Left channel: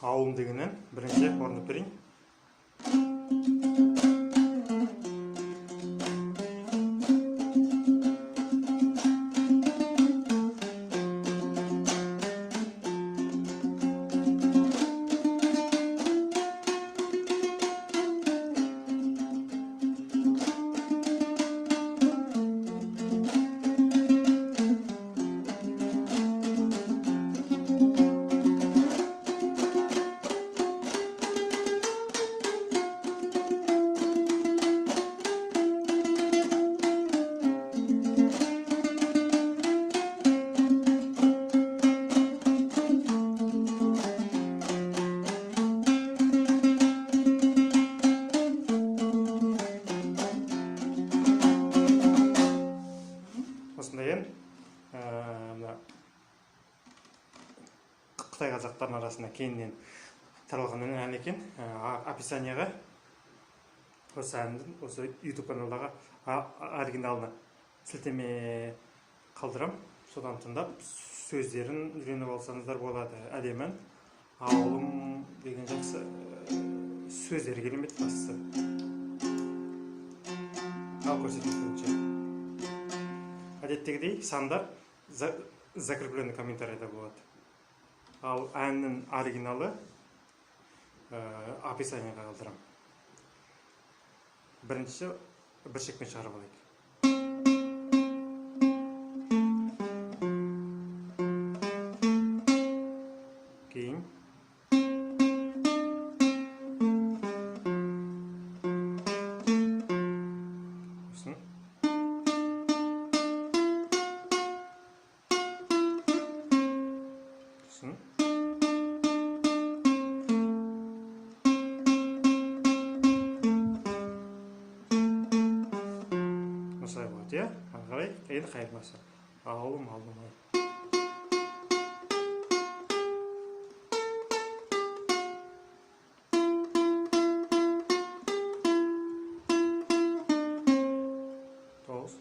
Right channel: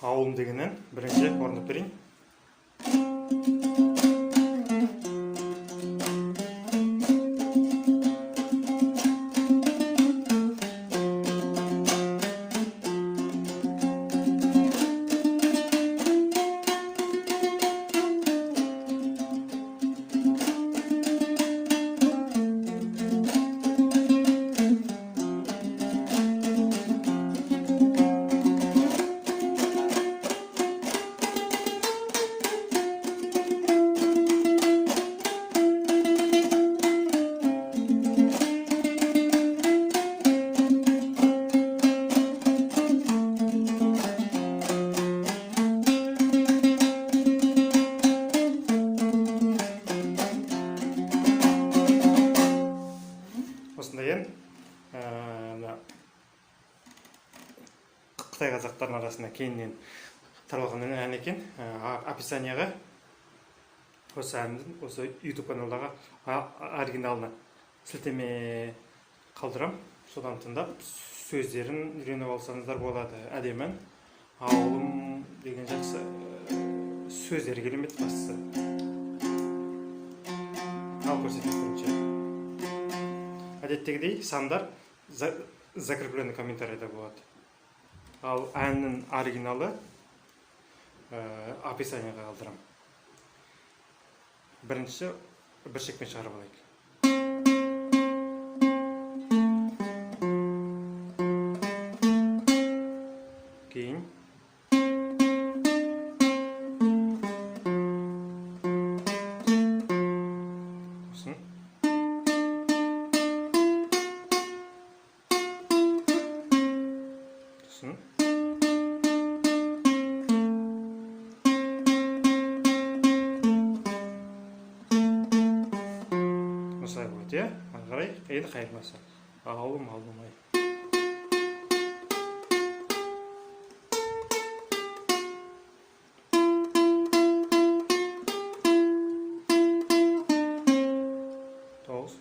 ауылым дегеннен бірінші орындап берейін. Қытай қазақтарының арасында кейіннен таралған ән екен. Описанияға осы әндің осы YouTube каналдағы оригиналына сілтеме қалдырам. Содан тыңдап сөздерін үйреніп алсаңыздар болады. Әдемі ауылым деген жақсы сөздері керемет бастысы. Ал көрсетейінші. Әдеттегідей сандар закрепленный комментарийда болады. Ал әннің оригиналы описанияға қалдырам. Бірінші бір шекпен шығарып алайық. Кейін осыны осылай болады, иә? Ары қарай енді қайырмасы. Ауылым-ай. Тоғыз.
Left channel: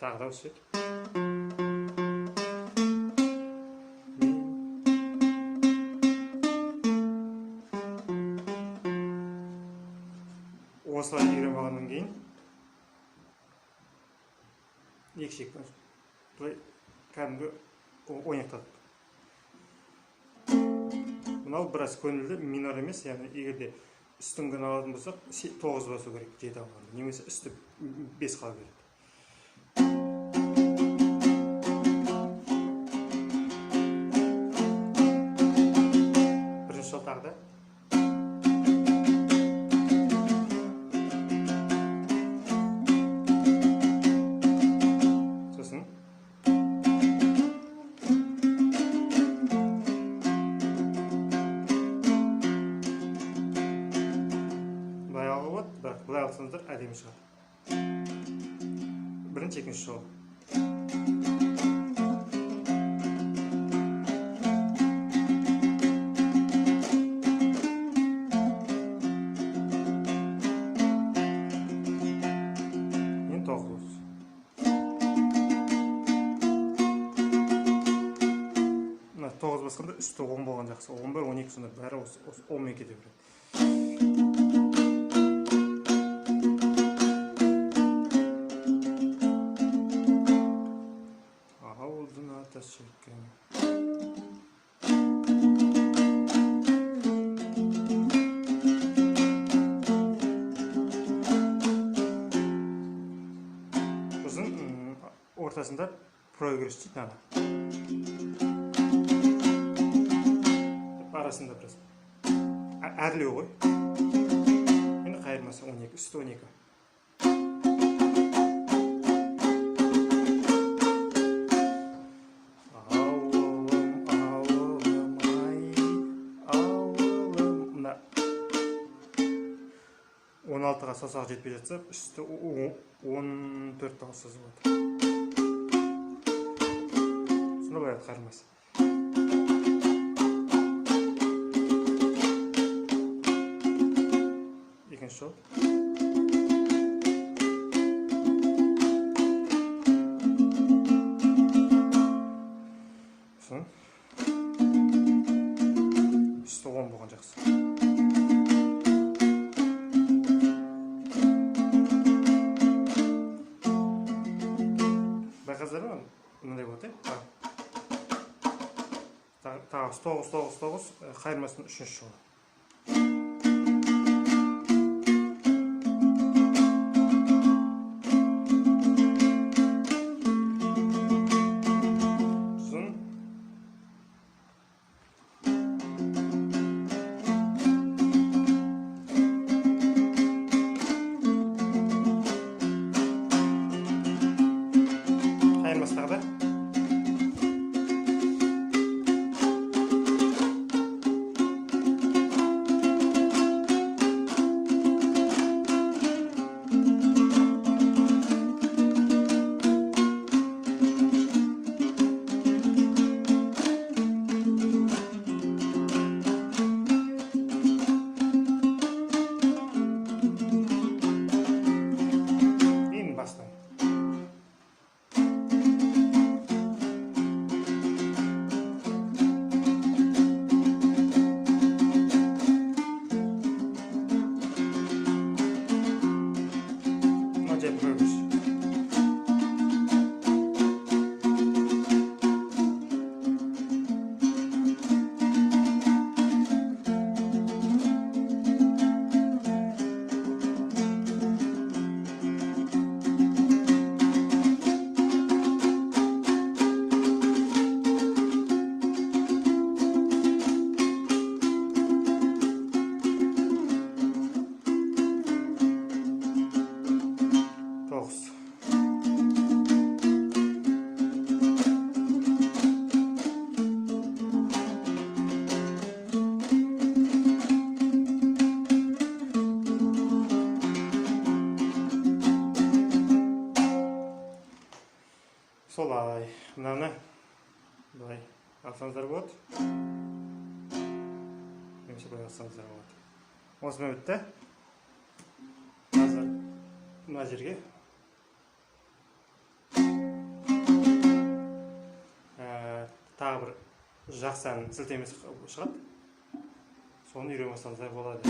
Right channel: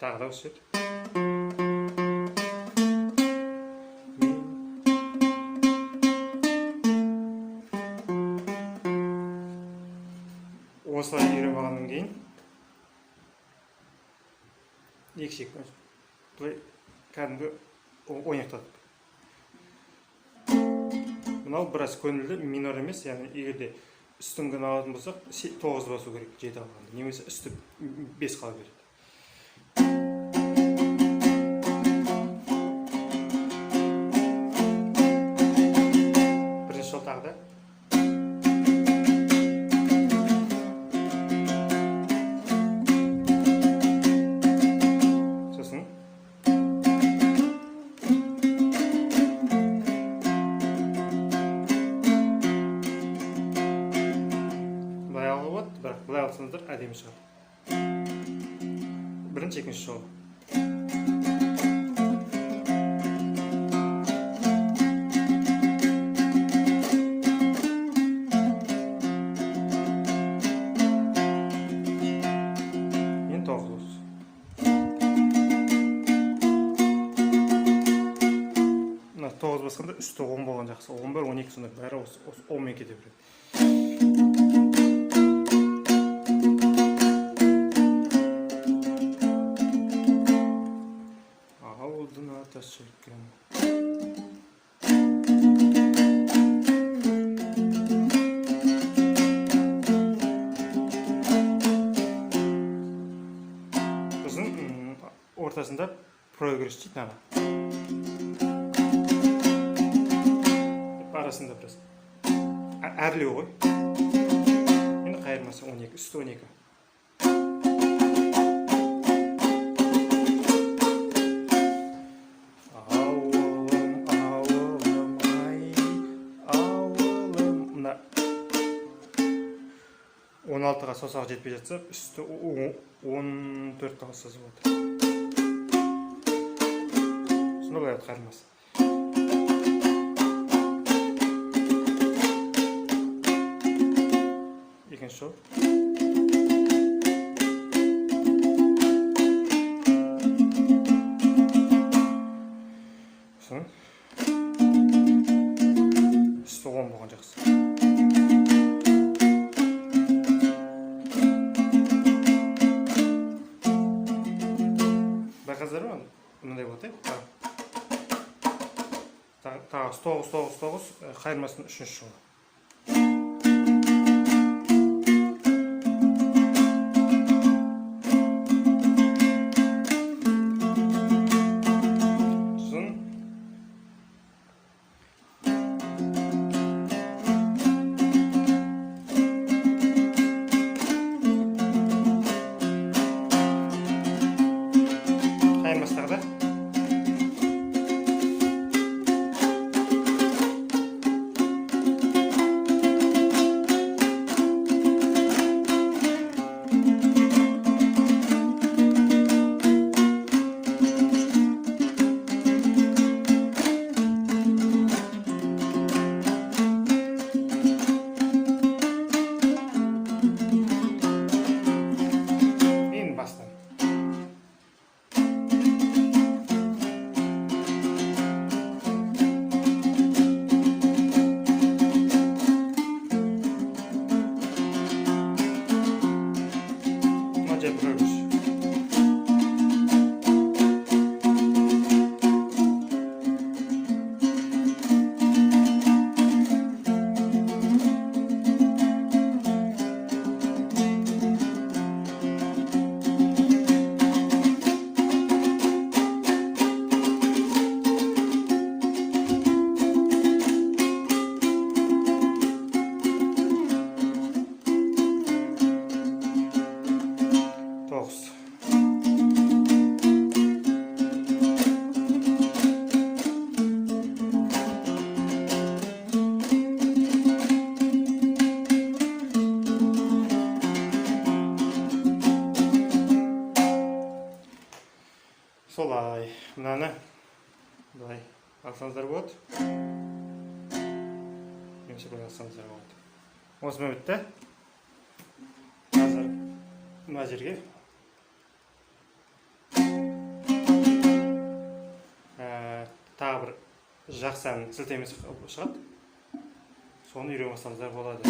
Тағы да осы жер. Осылай үйреніп алғаннан кейін екі шекпен былай кәдімгі ойнақтадық. Мынау біраз көңілді, минор емес, яғни егерде үстіңгіні алатын болсақ 9 басу керек 7 алғанда, немесе үсті 5 қала береді. Бірінші жол тағы да. Бұлай алсаңыздар әдемі шығады. Бірінші, екінші жол. Енді 9 болсын. Мына 9 басқанда үсті 10 болған жақсы. 11, 12 сонда бәрі 10 мен кете береді. Ортасында прогресс дейді ана. Арасында біраз. Әрлеу ғой. Енді қайырмасы 12, үсті 12. Ауылым-ай, ауылым. Мына 16-ға саусағы жетпей жатса, үсті 14 қалсыз болады. Бұлай қармасы. Екінші жол. 9-9-9-9 қайырмасының 3-ші шығу. Солай, мынаны былай алсаңыздар болады. Немесе былай алсаңыздар болады. Осымен бітті. Қазір мына жерге тағы бір жақсы ән сілтемесі шығады. Соны үйрене бастасаңыздар болады.